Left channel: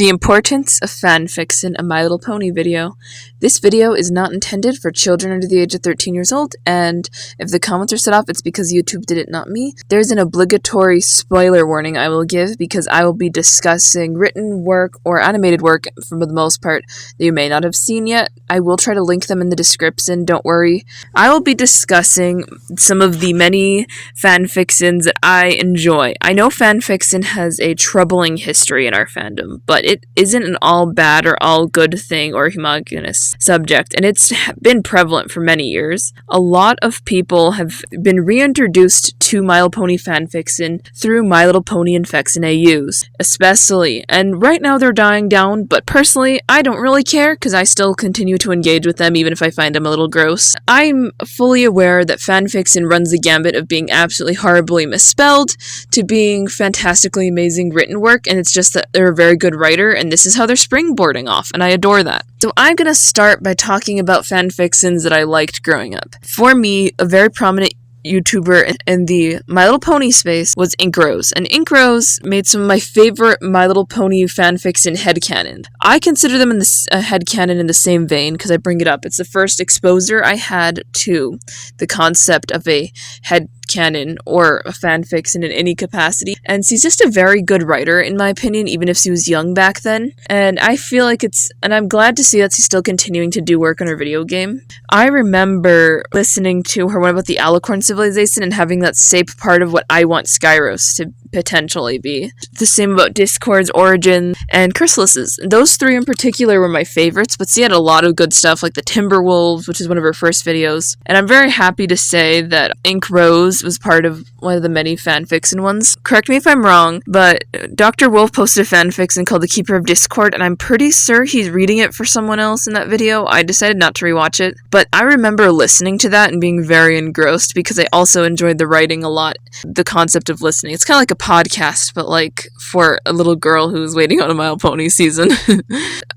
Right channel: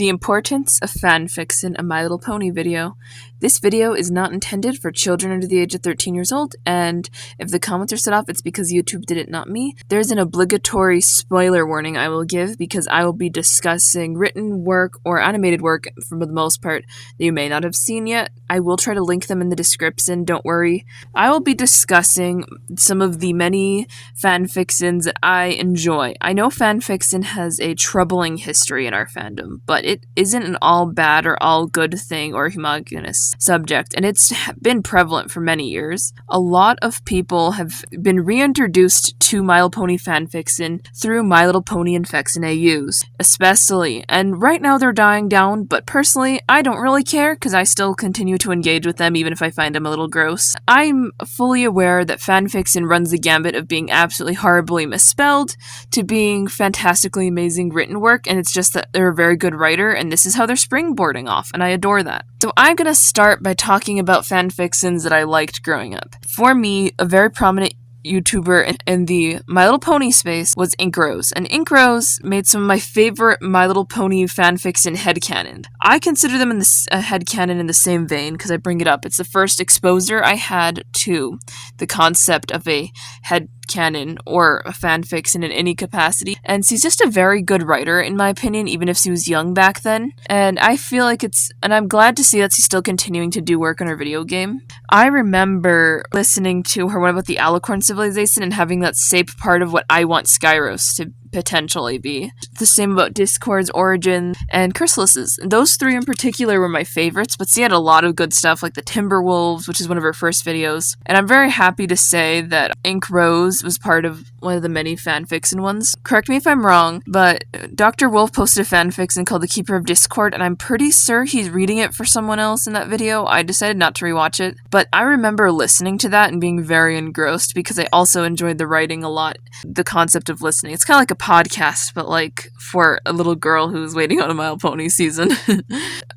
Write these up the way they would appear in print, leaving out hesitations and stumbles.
The Importance of Fanfiction, a My Little Pony video. This video is not intended for children under the age of 13 years old, and if the comments are set off, it's because YouTube did it, not me. There's an obligatory spoiler warning I will give because I will be discussing written work or animated work, for the most part, that you may not have seen yet. I will try to link them in the description, don't worry. I will be discussing some of the many fanfictions that I enjoy. I know fanfiction has a troubling history in our fandom, but it isn't an all bad or all good thing or homogeneous subject, and it's been prevalent for many years. A lot of people have been reintroduced to My Little Pony fanfiction through My Little Pony Infects and AUs, especially, and right now they're dying down, but personally, I don't really care because I still continue to engage with them even if I find them a little gross. I'm fully aware that fanfiction runs the gambit of being absolutely horribly misspelled to being fantastically amazing written work, and it's just that they're a very good writer, and this is how they're springboarding off, and I adore that. So I'm gonna start by talking about fanfictions that I liked growing up. For me, a very prominent YouTuber in the My Little Pony space was Inkros, and Inkros made some of my favorite My Little Pony fanfiction headcanon. I consider them in the headcanon in the same vein because I bring it up. It's the first exposure I had to the concept of a headcanon or a fanfiction in any capacity, and she's just a very good writer in my opinion, even if she was young back then, and I feel like and I'm glad to see that she's still continuing to do work on her video game. I remember listening to her one about the Alicorn civilization and having that shape part of what I want Skyros to potentially be. The same about Discord's origin and Chrysalis's. Those three in particular were my favorites, but she had a lot of good stuff like the Timberwolves, which is one of her first videos. And I'm very happy to say that Ink Rose was part of one of the many fanfiction ones. Correct me if I'm wrong, but Dr. Wolf posted a fanfiction called The Keeper of Discord, and I'm pretty sure he's reading it for someone else in that video. I decided not to rewatch it, but I remember listening to that and being very engrossed because I also enjoyed the writing a lot, the concept of listening. It's kind of like a podcast, but like for a little girl who's waiting on a My Little Pony season.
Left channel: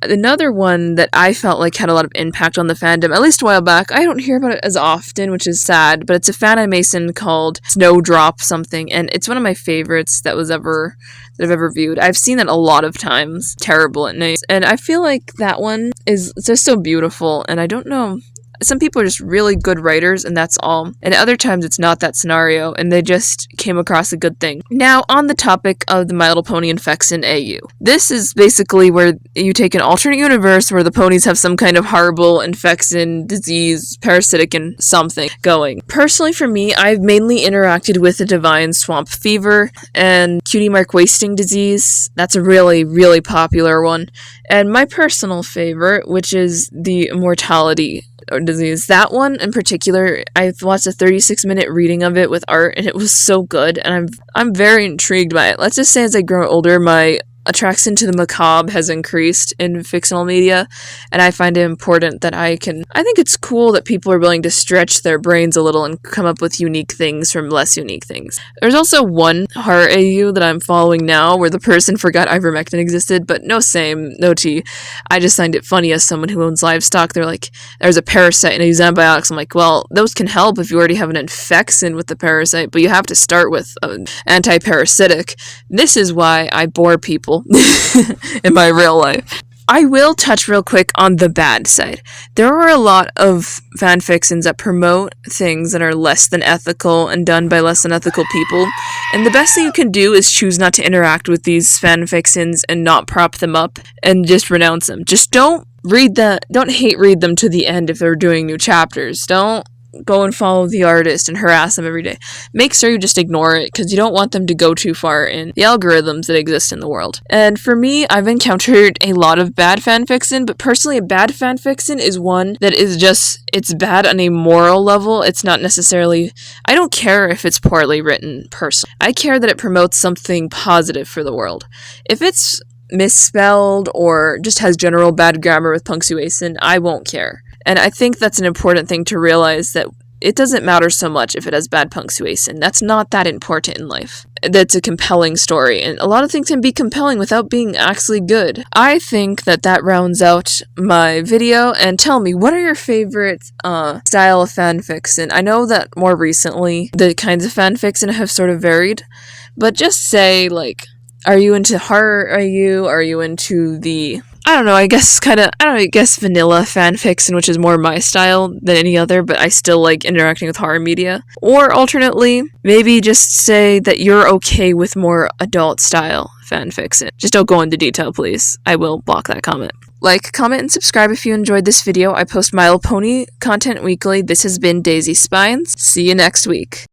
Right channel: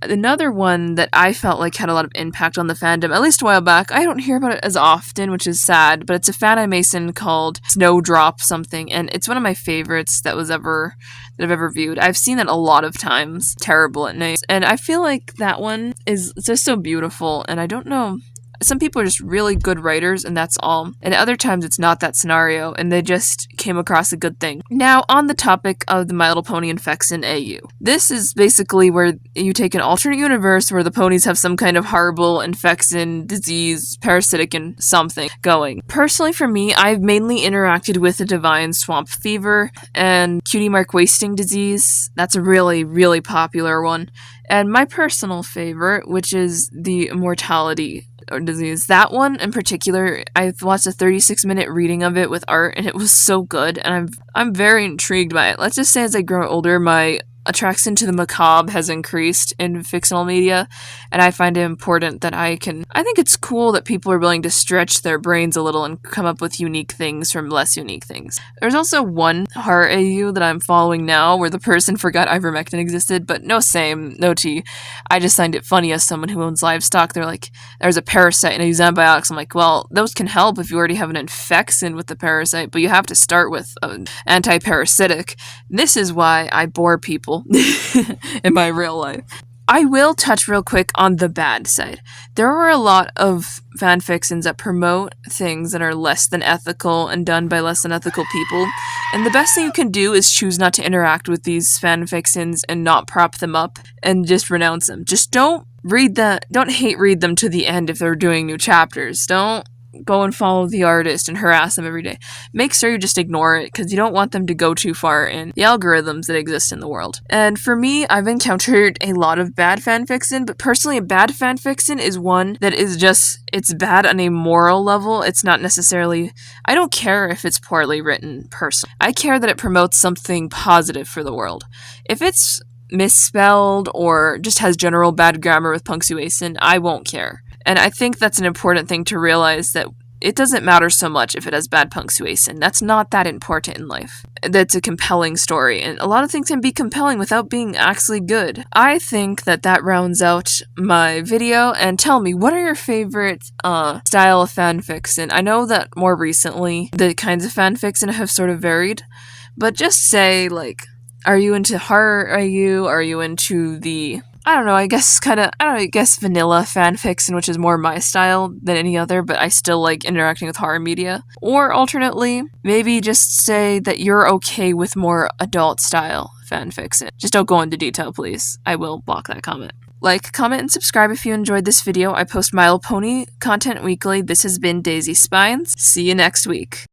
Another one that I felt like had a lot of impact on the fandom, at least a while back, I don't hear about it as often, which is sad, but it's a fan animation called Snowdrop something, and it's one of my favorites that I've ever viewed. I've seen it a lot of times. Terrible at night. And I feel like that one is just so beautiful, and I don't know. Some people are just really good writers, and that's all. And other times it's not that scenario, and they just came across a good thing. Now, on the topic of the My Little Pony Infects in AU. This is basically where you take an alternate universe where the ponies have some kind of horrible infection, disease, parasitic, and something going. Personally, for me, I've mainly interacted with the Divine Swamp Fever and Cutie Mark Wasting Disease. That's a really, really popular one. And my personal favorite, which is the Immortality Disease. That one in particular, I've watched a 36-minute reading of it with art, and it was so good, and I'm very intrigued by it. Let's just say as I grow older, my attraction to the macabre has increased in fictional media, and I find it important that I think it's cool that people are willing to stretch their brains a little and come up with unique things from less unique things. There's also one horror AU that I'm following now where the person forgot ivermectin existed, but no tea. I just find it funny as someone who owns livestock. They're like, there's a parasite and I use antibiotics. I'm like, well, those can help if you already have an infection with the parasite, but you have to start with an anti-parasitic. This is why I bore people in my real life. I will touch real quick on the bad side. There are a lot of fanfictions that promote things that are less than ethical and done by less than ethical people, and the best thing you can do is choose not to interact with these fanfictions and not prop them up and just renounce them. Just don't read them to the end if they're doing new chapters. Don't go and follow the artist and harass them every day. Make sure you just ignore it because you don't want them to go too far in the algorithms that exist in the world. And for me, I've encountered a lot of bad fanfiction, but personally a bad fanfiction is one that is it's bad on a moral level. It's not necessarily, I don't care if it's poorly written personally. I care that it promotes something positive for the world. If it's misspelled or just has general bad grammar with punctuation, I won't care. And I think that's an important thing to realize, that it doesn't matter so much if it has bad punctuation. That's not that important in life. That's a compelling story, and a lot of things can be compelling without being actually good. I think that rounds out my video, and tell me, what are your favorite style of fanfiction? I know that more recently, the kinds of fanfiction have sort of varied, but just say, like, Are you into horror? Are you into the, I don't know, I guess vanilla fanfiction, which is more my style than any other, but I still like interacting with horror media. Or alternately, maybe just say that you're okay with more adult style fanfiction. Just don't go into detail, please. I will block that comment. Like, comment, and subscribe if you enjoyed this video. I post My Little Pony content weekly. This has been Daisy Spines. See you next week.